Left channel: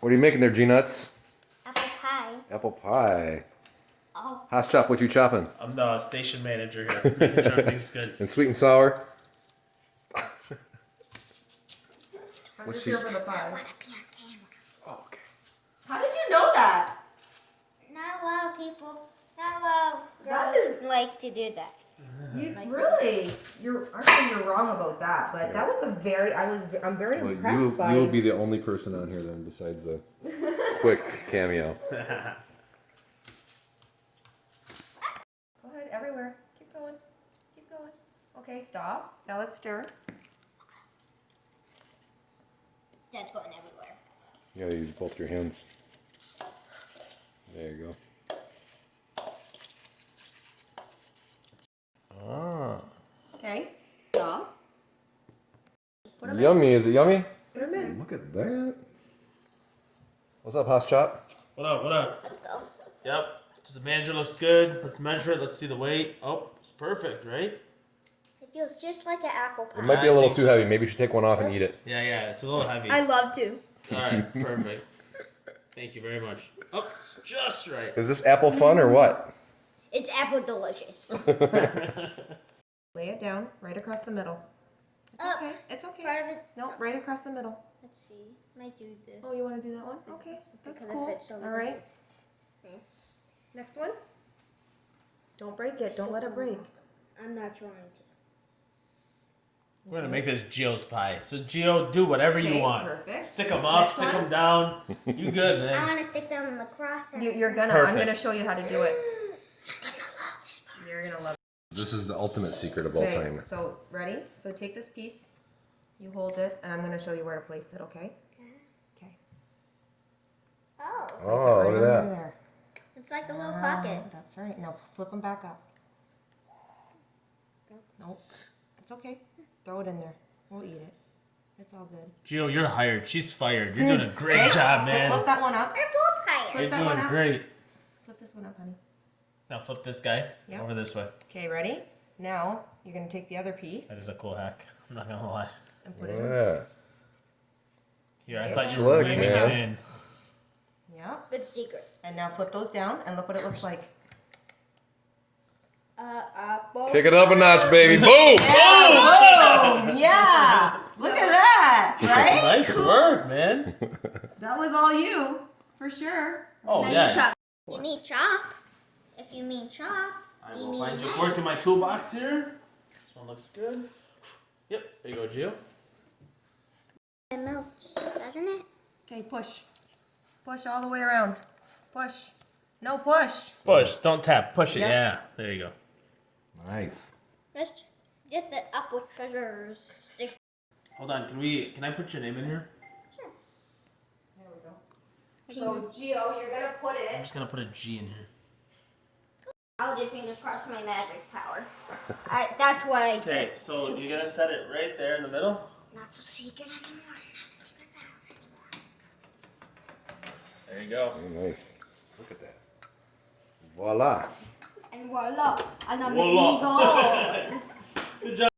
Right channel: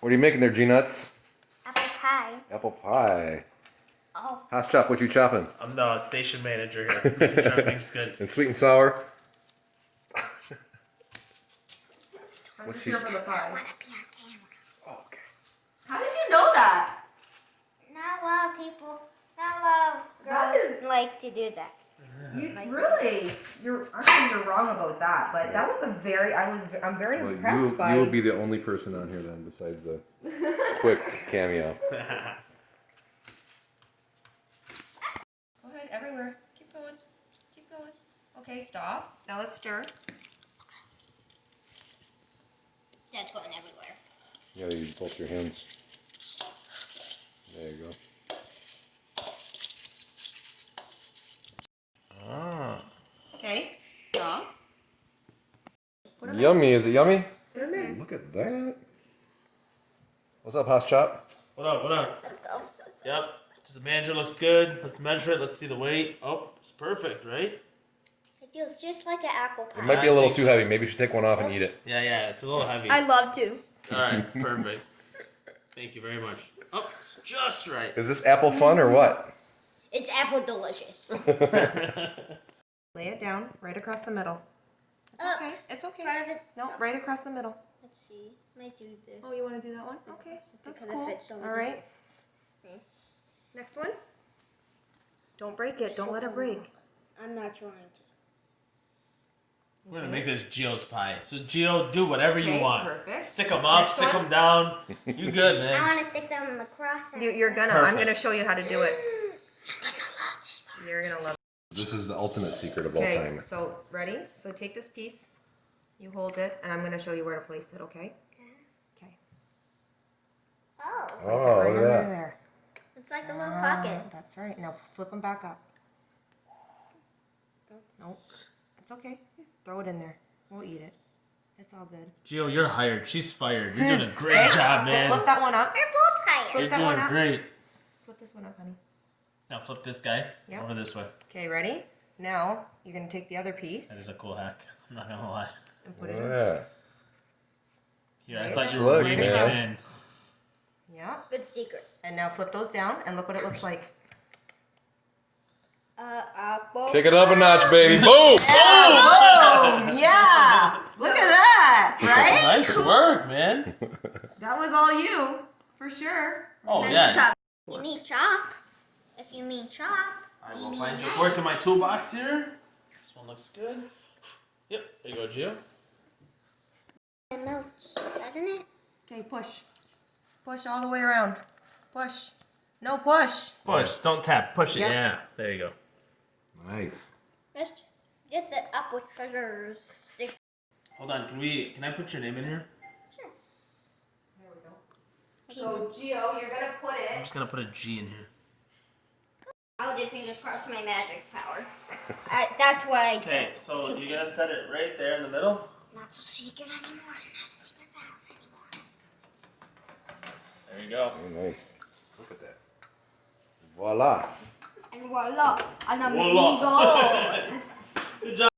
What are you making there, G-Nuts? Apple pie. Apple pie. Oh. Hasschop, what you chopping? I'm the station manager here. Making sure everything's good. And sweet and sour? I'm just here for the pie. Oh, okay. How did you know that? Not a lot of people, not a lot of That girls is- like to do that. You really? I'm saying you're wrong about that, but that was a very. I'm very impressed by. You'll be the only person on here then, besides the quick cameo. Go ahead, everywhere. Keep going. Keep going. Okay, stop. Now let's stir. That's going everywhere. You gotta use both your hands. There you go. Ah. Okay. Stop. Yummy, is it yummy? Put 'em in. Look at that. What's up, Hasschop? What up? What up? Let's go. Yep. Just the manager looks good. Let's measure it. Let's see the weight. Oh, it's perfect, right? It feels just like an apple pie. It might be a little too heavy. Maybe you should take one off and eat it. Yeah, yeah. It's a little heavy. I love to. All right, perfect. Thank you very much. Oh, it's just right. Is this apple fun or what? It's apple delicious. Lay it down right across the middle. It's Up. okay. It's okay. Part of it. No, right across the middle. Let's see. Might do this. Oh, you want to do that one? Okay, that's Because it cool. fits over All there. right. Okay. Next one. Don't break it. Don't let it break. I'm not trying to. We're gonna make this Gio's pie. So Gio, do whatever you Okay, want. perfect. Stick them up, Next stick one. them down. You good, I man? want to stick them across. And You're gonna. Perfect. I'm gonna show you how to do it. I'm gonna love this part. You're gonna love it. This is the ultimate secret of all Okay. time. So ready? So take this piece. You hold it, and I'm gonna show you where to place it. Okay. Okay. Oh, Place Oh, it right look at under that. there. it's like a little pocket. That's right. Now flip them back up. Nope. It's okay. Throw it in there. We'll eat it. It's all good. Gio, you're hired. She's fired. You're doing a great job, man. Flip that one up. We're both hired. You're that one doing up. great. Flip this one up, honey. Now flip this guy Yeah. over this way. Okay, ready? Now you're gonna take the other piece That is a cool hack. I'm not gonna lie. and put it in. Yeah. Here, I Nice. thought you were Look, weaving it man. in. Yeah. Good secret. And now flip those down and look what it looks like. Apple. Kick it up a notch, baby. Boom! Oh yeah! Look at that, right? Nice work, man. That was all you, for sure. Oh, Now yeah. you chop. You need chalk. If you mean chalk, I you will mean find your knife. work in my toolbox here. This one looks good. Yep, there you go, Gio. It melts, doesn't it? Okay, push. Push all the way around. Push. No push. Push, don't tap, push it. Yeah. Yeah, there you go. Nice. Let's get the apple treasures stick. Hold on, can I put your name in here? Sure. There we go. So, Gio, you're gonna put I'm it. just gonna put a G in here. I did fingers crossed my magic power. That's what I did. Okay, so you're gonna set it right there in the middle. Not so secret anymore. Not a secret power anymore. There you go. Oh, nice. Look at that. Voila. And voila. And a Voila. mini goals. Good job.